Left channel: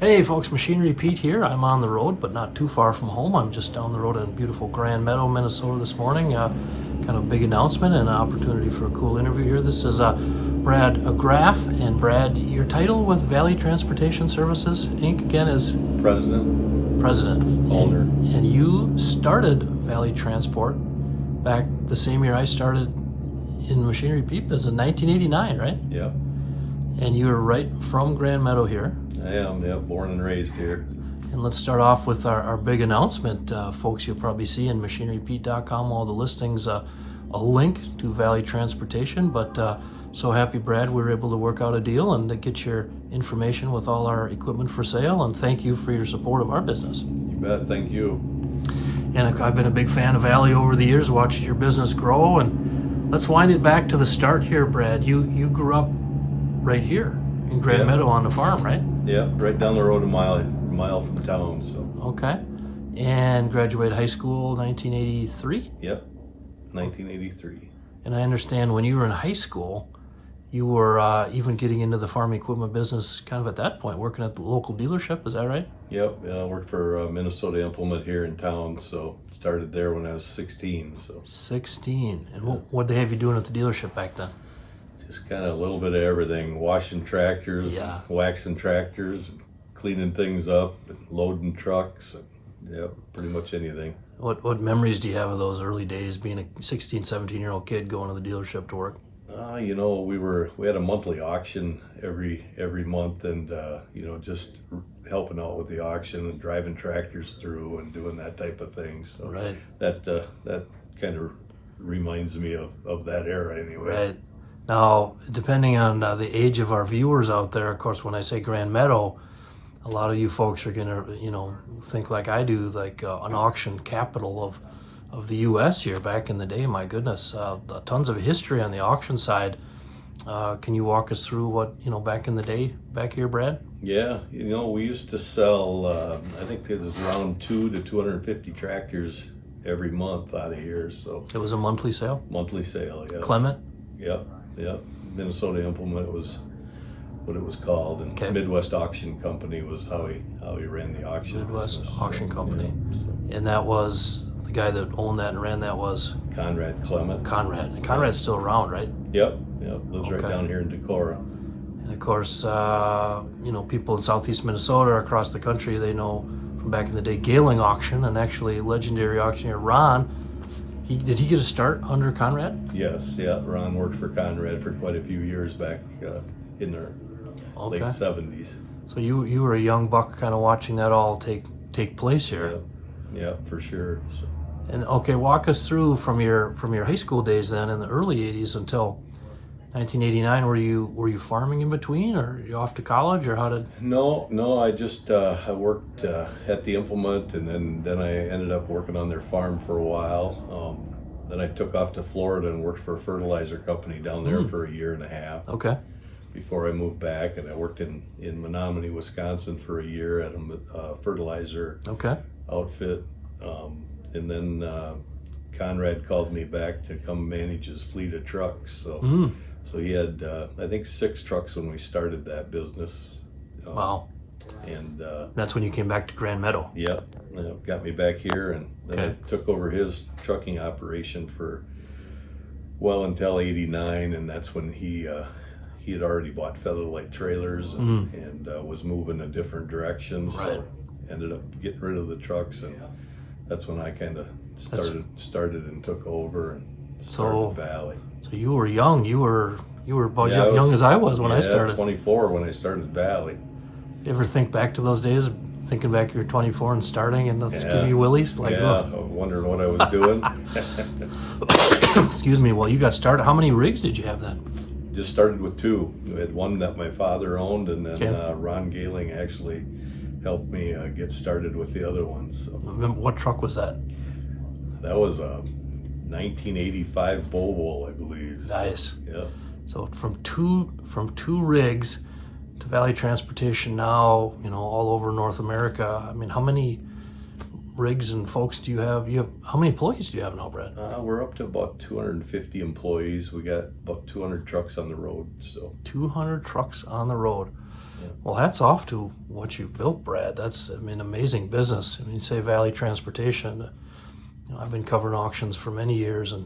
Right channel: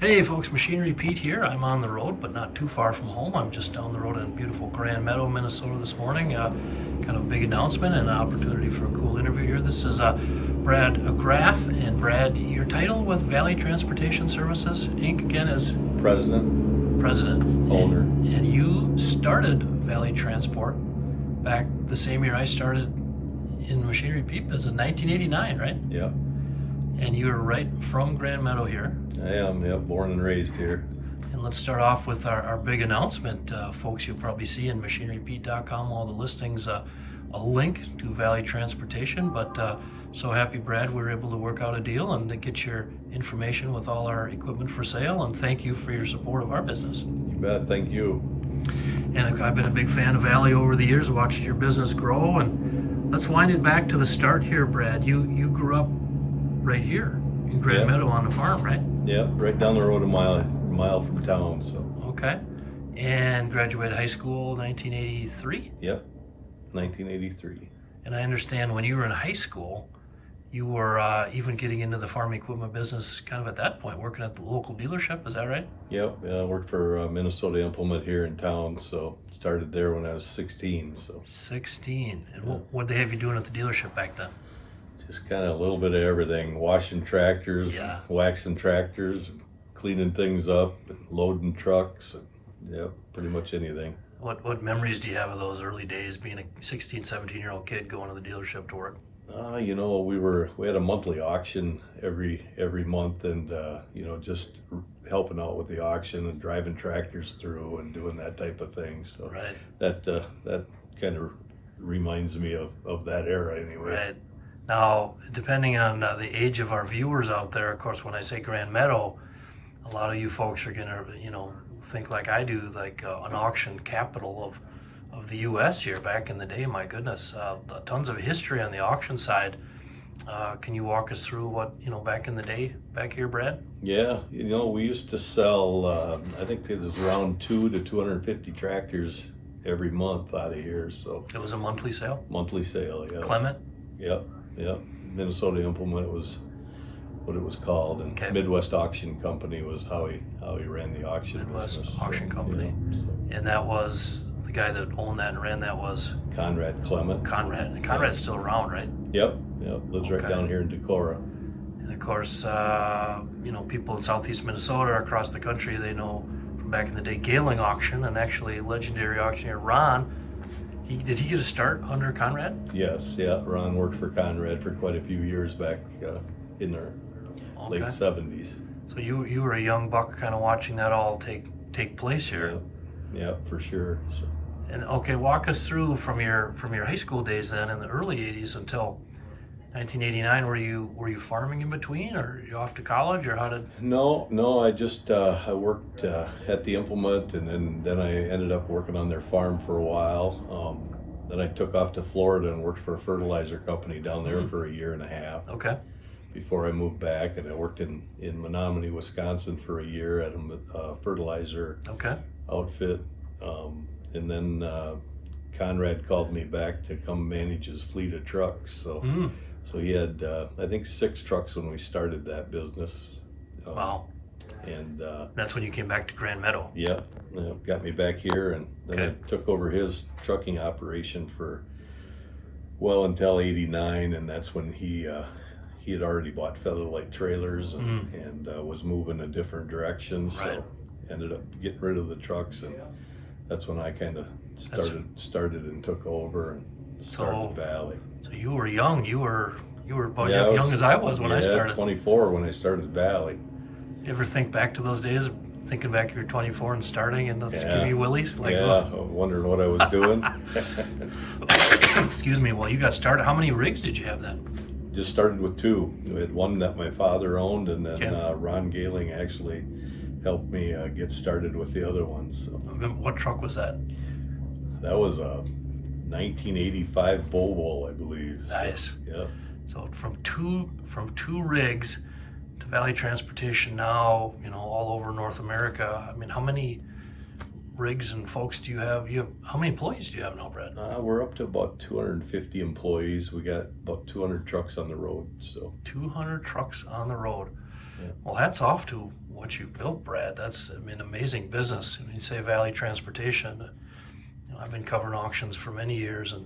Hey folks, Machinery Pete here. I'm on the road, but not too far from home. I'm just down the road in beautiful Grand Meadow, Minnesota this morning. Kind of a big announcement and an opportunity for a cool interview here. This is Brad Graff. And Brad, your title with Valley Transportation Services, Inc. again is? President. Owner. And you started Valley Transport back the same year I started in Machinery Pete, as in 1989, right? Yep, And you're right from Grand Meadow here. I am. Yep, born and raised here. And let's start off with our big announcement. Folks, you'll probably see in machinerypete.com all the listings, a link to Valley Transportation. But so happy, Brad, we were able to work out a deal and to get your information with all our equipment for sale. And thank you for your support of our business. You bet. Thank you. And I've been a big fan of Valley over the years, watched your business grow. And let's wind it back to the start here, Brad. You grew up right here in Grand Yep. Meadow on the farm, right? Yep, right down the road a mile from town. So. Okay. And graduated high school 1983. Yep, 1983. And I understand when you were in high school, you were even getting into the farm equipment business kind of at that point, working at the local dealership. Is that right? Yep, I worked for Minnesota Implement here in town. So started there when I was 16. So 16. And Yeah. what they have you doing at the dealership back then? just kind of a little bit of everything: washing tractors, Yeah. waxing tractors, cleaning things up, and loading trucks, and yep, pretty much anything. What memories do you have of those early days being a 16, 17-year-old kid going to the dealership to work? We had a monthly auction every month, and just helping out with the auction and driving tractors through and doing that type of thing. So Right. that kind of reminds me of that era anyway. Right. Now, depending on the age of our viewers out there, of course, when I say Grand Meadow, a lot of you folks are gonna, think like I do, like an auction capital of the U.S. here back in the day. My goodness, tons of history on the auction side. Can you walk us through what back in the day back here, Brad? Yeah, we used to sell. I think it was around 200 to 250 tractors every month out of here. So It was a monthly sale. monthly sale. Yeah. Clement. Yep. Minnesota Implement was what it was called, and Okay. Midwest Auction Company was how he ran the auction Midwest business. Auction Company. And that was the guy that owned that and ran that was Conrad Clement. Conrad. And Conrad's still around, right? Yep, lives right Okay. down here in Decorah. And of course, people in southeast Minnesota or across the country, they know from back in the day Gailing Auction, and actually legendary auctioneer Ron. Did he get a start under Conrad? Yes, yeah. Ron worked for Conrad for quite a few years back in the Okay. late 70s. So you were a young buck, kind of watching that all take place here. Yeah, for sure. So, And okay, walk us through from your high school days then in the early '80s until 1989. Were you farming in between, or you off to college, or how did? No. I just I worked at the implement, and then I ended up working on their farm for a while. Then I took off to Florida and worked for a fertilizer company down there for a year and a half Okay. before I moved back. And I worked in Menominee, Wisconsin for a year at a fertilizer Okay. outfit. And then Conrad called me back to come manage his fleet of trucks. So he had, I think, 6 trucks when we started that business. Wow. And That's when you came back to Grand Meadow. got me back here, and then Okay. I took over his trucking operation for well until '89, and that's when he had already bought Featherlight trailers and was moving a different direction. So Right. ended up getting rid of the trucks, and that's when I kind of started and took over and started Valley. So you were young. You were about Yeah, young as I was when I started. 24 when I started Valley. You ever think back to those days, thinking back you were 24 and starting, and let's Yeah. give you willies? Like, Wondering what I was doing. Excuse me. Well, you got started. How many rigs did you have then? Just started with 2. We had one that my father owned, and then Okay. Ron Gailing actually helped me get started with the other one. So What truck was that? that was a 1985 Volvo, I believe. Nice. Yeah. So from two rigs to Valley Transportation now, all over North America. I mean, how many rigs and folks do you have? How many employees do you have now, Brad? We're up to about 250 employees. We got about 200 trucks on the road. So 200 trucks on the road. Well, hats off to what you've built, Brad. That's, I mean, amazing business. I mean, you say Valley Transportation. I've been covering auctions for many years and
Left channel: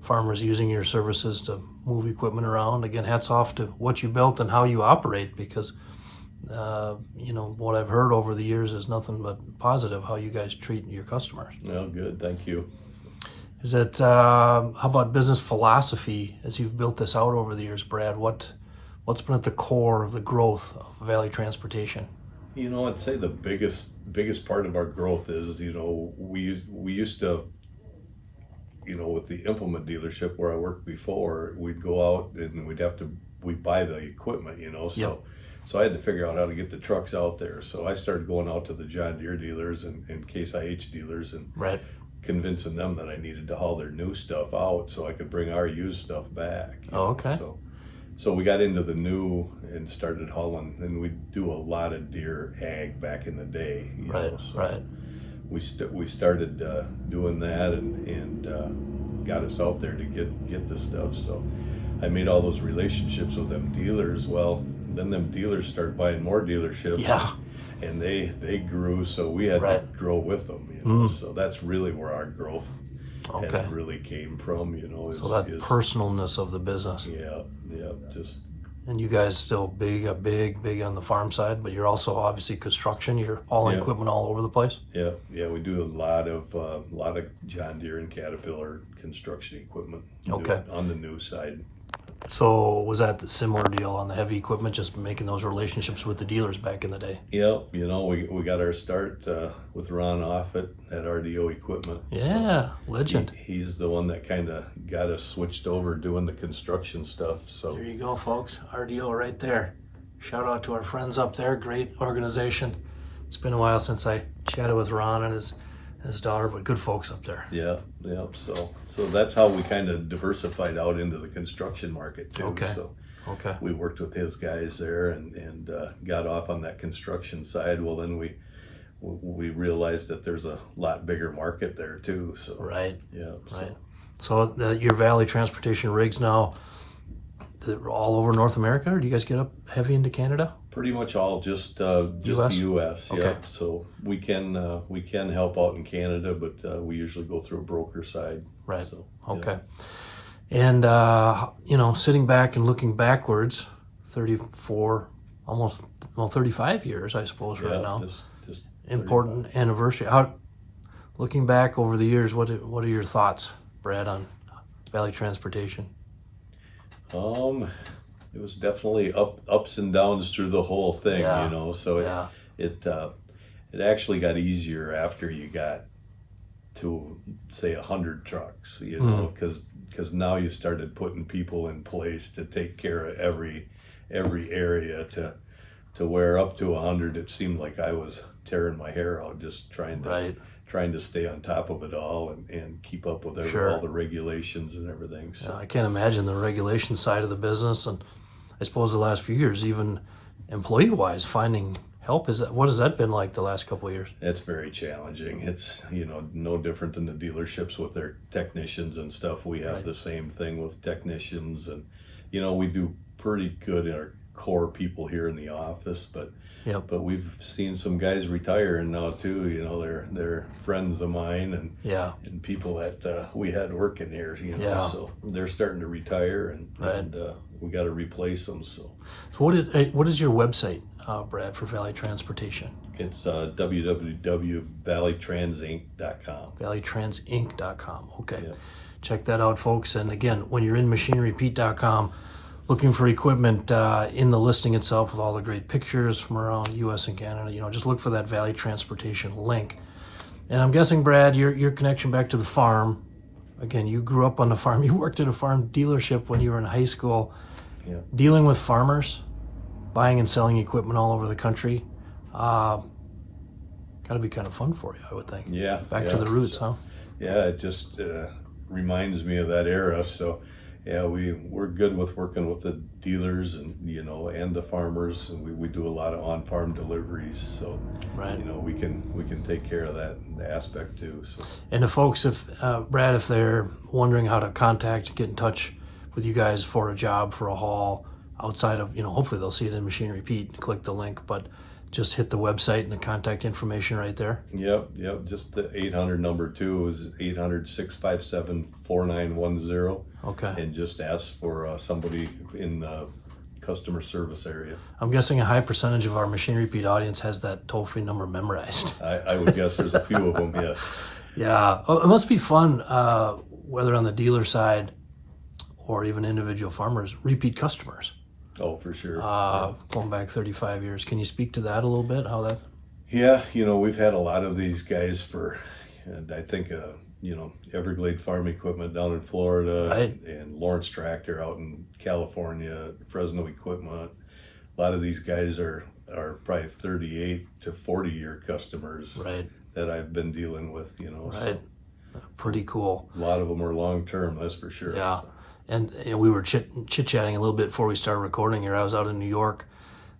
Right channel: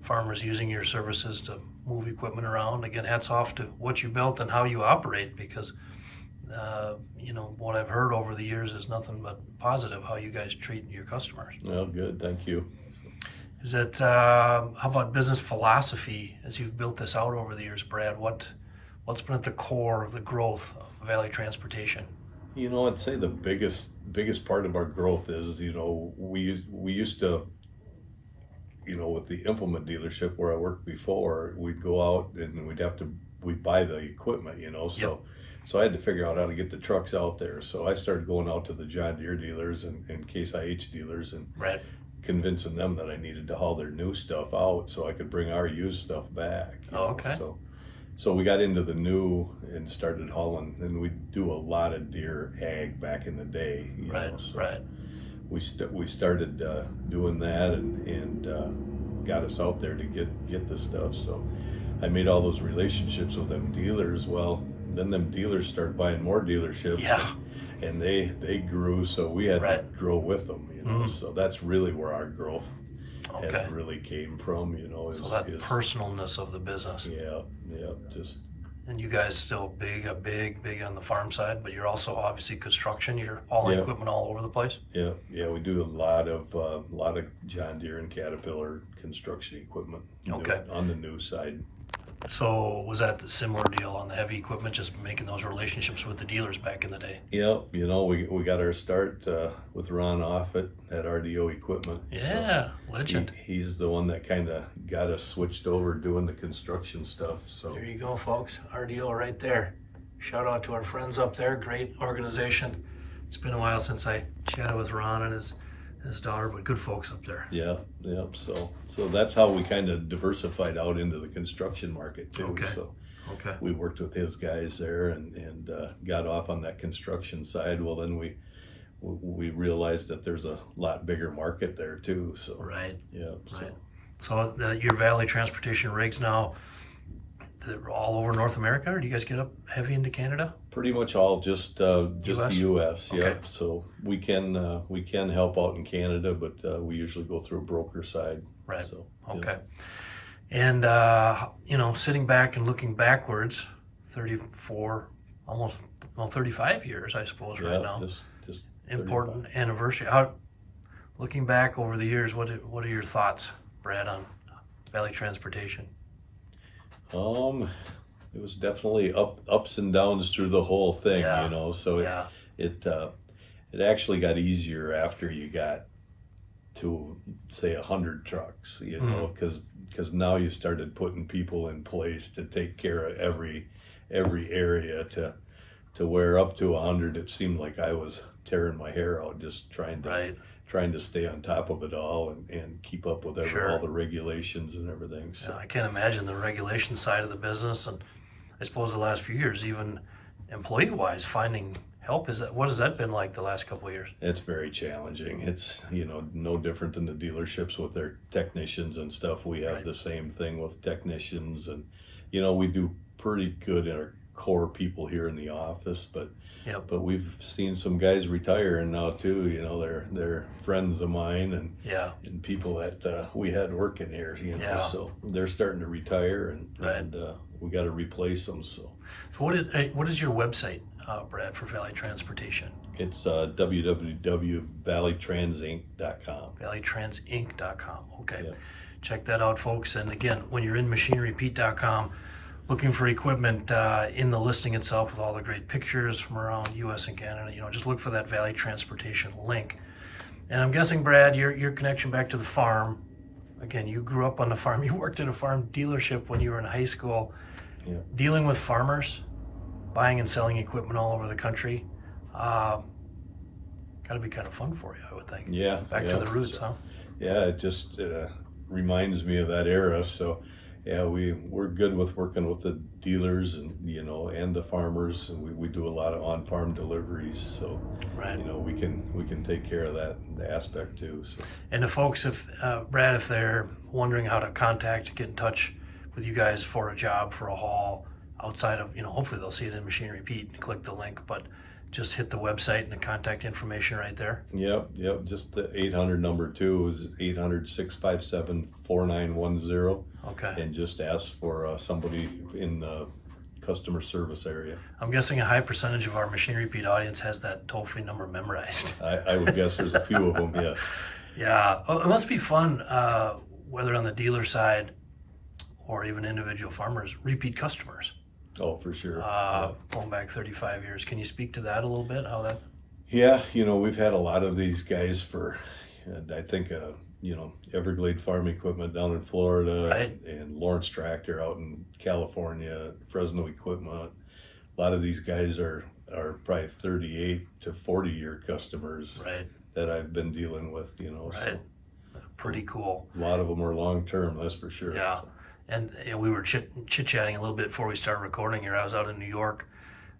farmers using your services to move equipment around. Again, hats off to what you built and how you operate, because what I've heard over the years is nothing but positive how you guys treat your customers. Well, good, thank you. Is that how about business philosophy as you've built this out over the years, Brad? What's been at the core of the growth of Valley Transportation? I'd say the biggest part of our growth is, we used to, with the implement dealership where I worked before, we'd go out and we'd buy the equipment, Yep. So I had to figure out how to get the trucks out there. So I started going out to the John Deere dealers and Case IH dealers and Right. convincing them that I needed to haul their new stuff out so I could bring our used stuff back. Okay. So we got into the new and started hauling, and we do a lot of Deere ag back in the day. Right. So Right. we started doing that and got us out there to get the stuff. So I made all those relationships with them dealers. Well, then them dealers start buying more dealerships. Yeah. And they grew, so we had Right. to grow with them. So that's really where our growth Okay. has really came from. So that personalness of the business. Yeah, just And you guys still big on the farm side, but you're also obviously construction. You're hauling Yeah. equipment all over the place. yeah. We do a lot of John Deere and Caterpillar construction equipment. Okay. On the new side. So was that a similar deal on the heavy equipment, just making those relationships with the dealers back in the day? Yeah, we got our start with Ron Offit at RDO Equipment. Yeah, legend. He's the one that kind of got us switched over doing the construction stuff. So There you go, folks. RDO right there. Shout out to our friends up there. Great organization. It's been a while since I chatted with Ron and his daughter, but good folks up there. yeah. So that's how we kind of diversified out into the construction market too. Okay. So Okay. we worked with his guys there and got off on that construction side. Well, then we realized that there's a lot bigger market there too. So Right. yeah. Right. So your Valley Transportation rigs now, they're all over North America, or do you guys get up heavy into Canada? Pretty much all just the U.S. Okay. Yep. So we can help out in Canada, but we usually go through a broker side. Right. So, Okay. And sitting back and looking backwards, 34, almost 35 years, I suppose, Yeah. right now. Just Important anniversary. Looking back over the years, what are your thoughts, Brad, on Valley Transportation? It was definitely ups and downs through the whole thing, Yeah. So Yeah. it actually got easier after you got to say 100 trucks, because now you started putting people in place to take care of every area to where up to 100 it seemed like I was tearing my hair out just trying to stay on top of it all and keep up with Sure. all the regulations and everything. So I can't imagine the regulation side of the business, and I suppose the last few years, even employee-wise, finding help. What has that been like the last couple of years? it's very challenging. It's no different than the dealerships with their technicians and stuff. We have Right. the same thing with technicians, and we do pretty good in our core people here in the office, but Yep. but we've seen some guys retiring now too. They're friends of mine and Yeah. people that we had working here. Yeah. So they're starting to retire and Right. we got to replace them. So So what is your website, Brad, for Valley Transportation? it's www.valleytransinc.com. ValleyTransInc.com. Okay. Yeah. Check that out, folks. And again, when you're in machinerypete.com, looking for equipment in the listing itself with all the great pictures from around U.S. and Canada, just look for that Valley Transportation link. And I'm guessing, Brad, your connection back to the farm. Again, you grew up on the farm. You worked at a farm dealership when you were in high school, Yeah. dealing with farmers, buying and selling equipment all over the country. Got to be kind of fun for you, I would think. Yeah. Back yeah. to the roots, huh? Yeah, it just reminds me of that era. So, yeah, we're good with working with the dealers and and the farmers, and we do a lot of on-farm deliveries. So, Right. we can take care of that aspect too. So, And the folks, Brad, if they're wondering how to get in touch with you guys for a job, for a haul, outside of, hopefully they'll see it in Machine Repeat, click the link, but just hit the website and the contact information right there. Yep. Just the 800 number too is 800-657-4910, Okay. and just ask for somebody in the customer service area. I'm guessing a high percentage of our Machine Repeat audience has that toll-free number memorized. I would guess there's a few of them. Yeah. Yeah, it must be fun, whether on the dealer side or even individual farmers, repeat customers. Oh, for sure. Going back 35 years. Can you speak to that a little bit? How that? Yeah, we've had a lot of these guys for, and I think, Everglade Farm Equipment down in Florida, Right. and Lawrence Tractor out in California, Fresno Equipment. A lot of these guys are probably 38 to 40-year customers Right, that I've been dealing with, right. So Pretty cool. a lot of them are long-term, that's for sure. Yeah. So, And we were chit-chatting a little bit before we started recording here. I was out in New York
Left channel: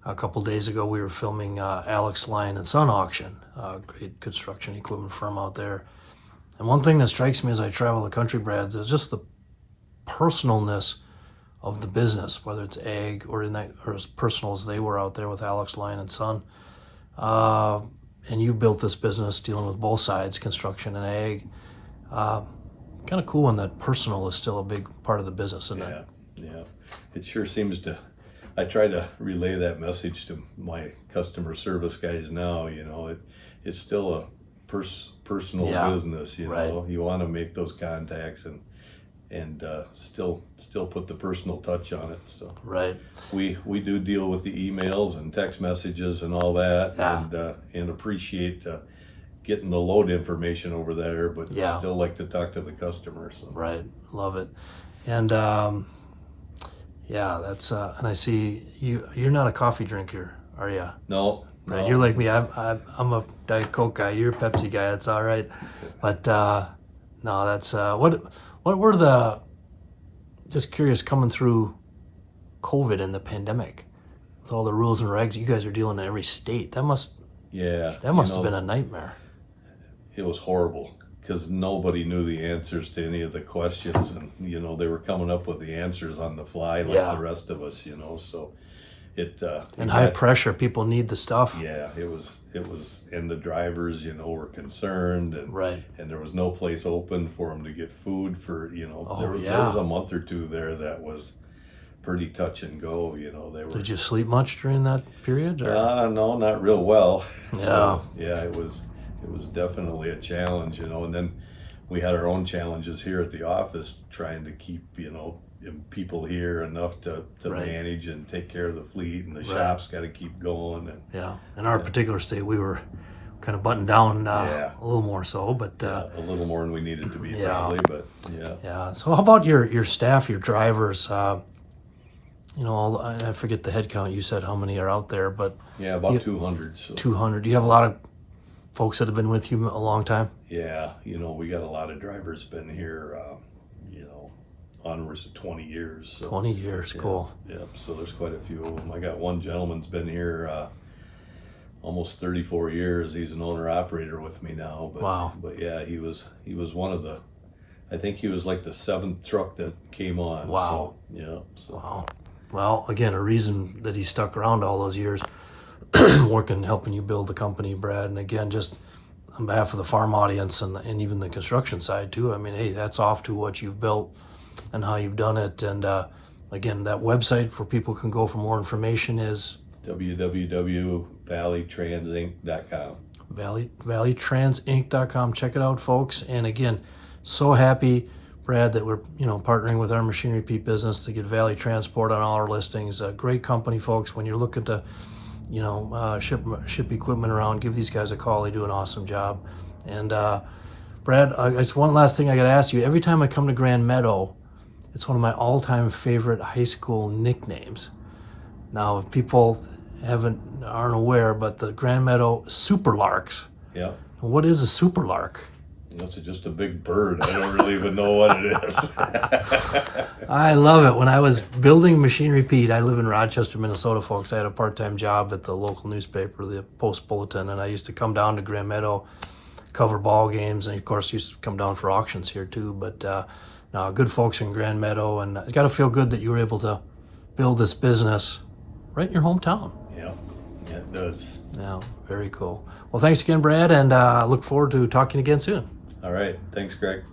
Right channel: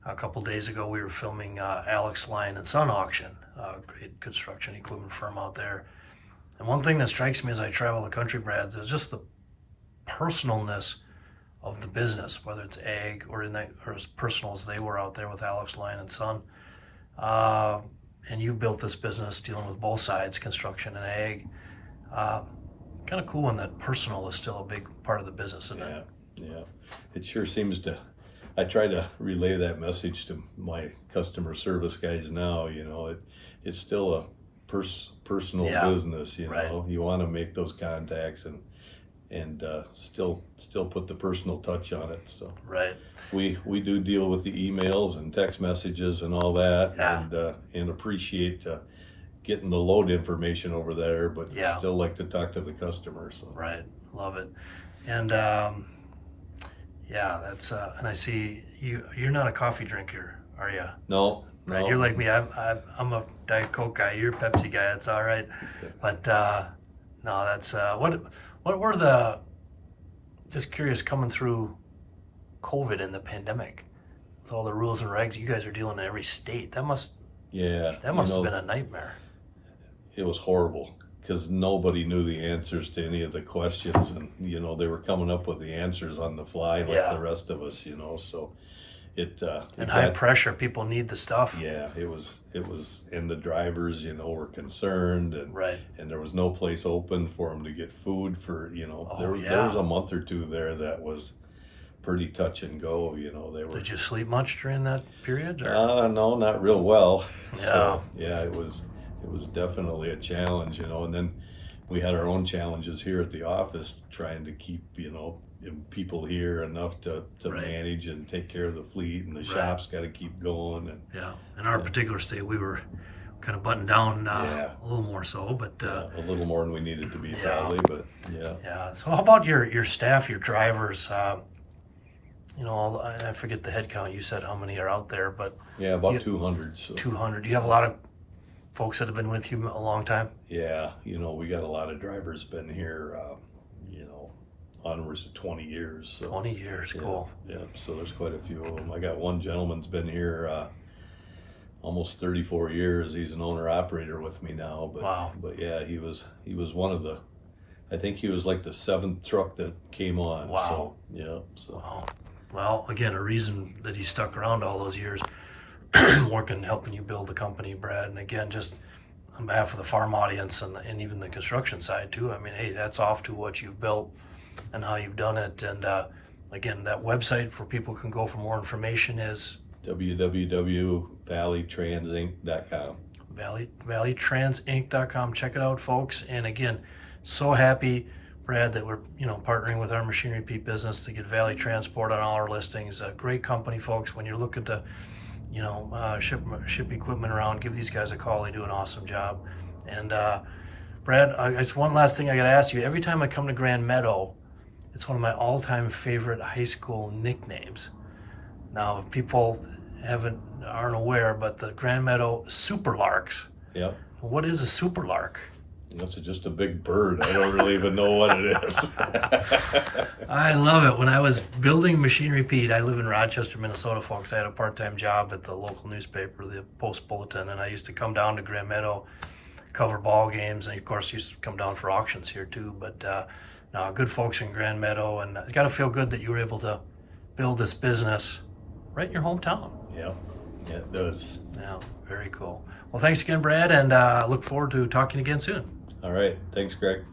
a couple days ago. We were filming Alex Lyon and Son Auction, a great construction equipment firm out there. And one thing that strikes me as I travel the country, Brad, is just the personalness of the business, whether it's ag or as personal as they were out there with Alex Lyon and Son. And you built this business dealing with both sides, construction and ag. Kind of cool when that personal is still a big part of the business, isn't it? Yeah. It sure seems to. I try to relay that message to my customer service guys now. It's still a personal Yeah, business. right. You want to make those contacts and still put the personal touch on it. So Right. we do deal with the emails and text messages and all that, Yeah. and appreciate getting the load information over there, but Yeah. still like to talk to the customer. So Right. Love it. And yeah, that's and I see you're not a coffee drinker, are you? no. Right. You're like me. I'm a Diet Coke guy. You're a Pepsi guy. That's all right. But no, that's what were the, just curious, coming through COVID and the pandemic with all the rules and regs you guys are dealing in every state. That must have been a nightmare. It was horrible because nobody knew the answers to any of the questions, and they were coming up with the answers on the fly like Yeah. the rest of us. So it And high pressure, people need the stuff. yeah, it was, and the drivers were concerned, and Right. and there was no place open for them to get food for there was a month or two there that was pretty touch and go. They were. Did you sleep much during that period? Or? No, not real well. Yeah. So, yeah, it was definitely a challenge, and then we had our own challenges here at the office trying to keep, people here enough to Right. manage and take care of the fleet, and the Right. shop's got to keep going. And Yeah. In our particular state, we were kind of buttoned down Yeah. a little more so, but a little more than we needed to be, Yeah. probably, but yeah. yeah. So how about your staff, your drivers? I forget the head count. You said how many are out there, but Yeah, about Yeah. 200. So 200. Do you have a lot of folks that have been with you a long time? yeah, we got a lot of drivers been here, onwards to 20 years. So 20 years. yeah, Cool. yeah, so there's quite a few of them. I got one gentleman's been here almost 34 years. He's an owner operator with me now. But Wow. but yeah, he was one of the. I think he was like the 7th truck that came on. Wow. So yeah. So Wow. Well, again, a reason that he stuck around all those years, working, helping you build the company, Brad. And again, just on behalf of the farm audience and even the construction side too. I mean, hey, that's off to what you've built and how you've done it. And again, that website where people can go for more information is www.valleytransinc.com. valleytransinc.com. Check it out, folks. And again, so happy, Brad, that we're partnering with our Machine Repeat business to get Valley Transport on all our listings. A great company, folks. When you're looking to ship equipment around, give these guys a call. They do an awesome job. And Brad, I guess one last thing I got to ask you. Every time I come to Grand Meadow, it's one of my all-time favorite high school nicknames. Now, if people aren't aware, but the Grand Meadow Superlarks. Yep. What is a Superlark? That's just a big bird. I don't really even know what it is. I love it. When I was building Machine Repeat, I live in Rochester, Minnesota, folks. I had a part-time job at the local newspaper, the Post Bulletin, and I used to come down to Grand Meadow, cover ball games, and of course used to come down for auctions here too. But now, good folks in Grand Meadow, and it's got to feel good that you were able to build this business right in your hometown. Yeah, it does. Yeah, very cool. Well, thanks again, Brad, and look forward to talking again soon. All right. Thanks, Greg.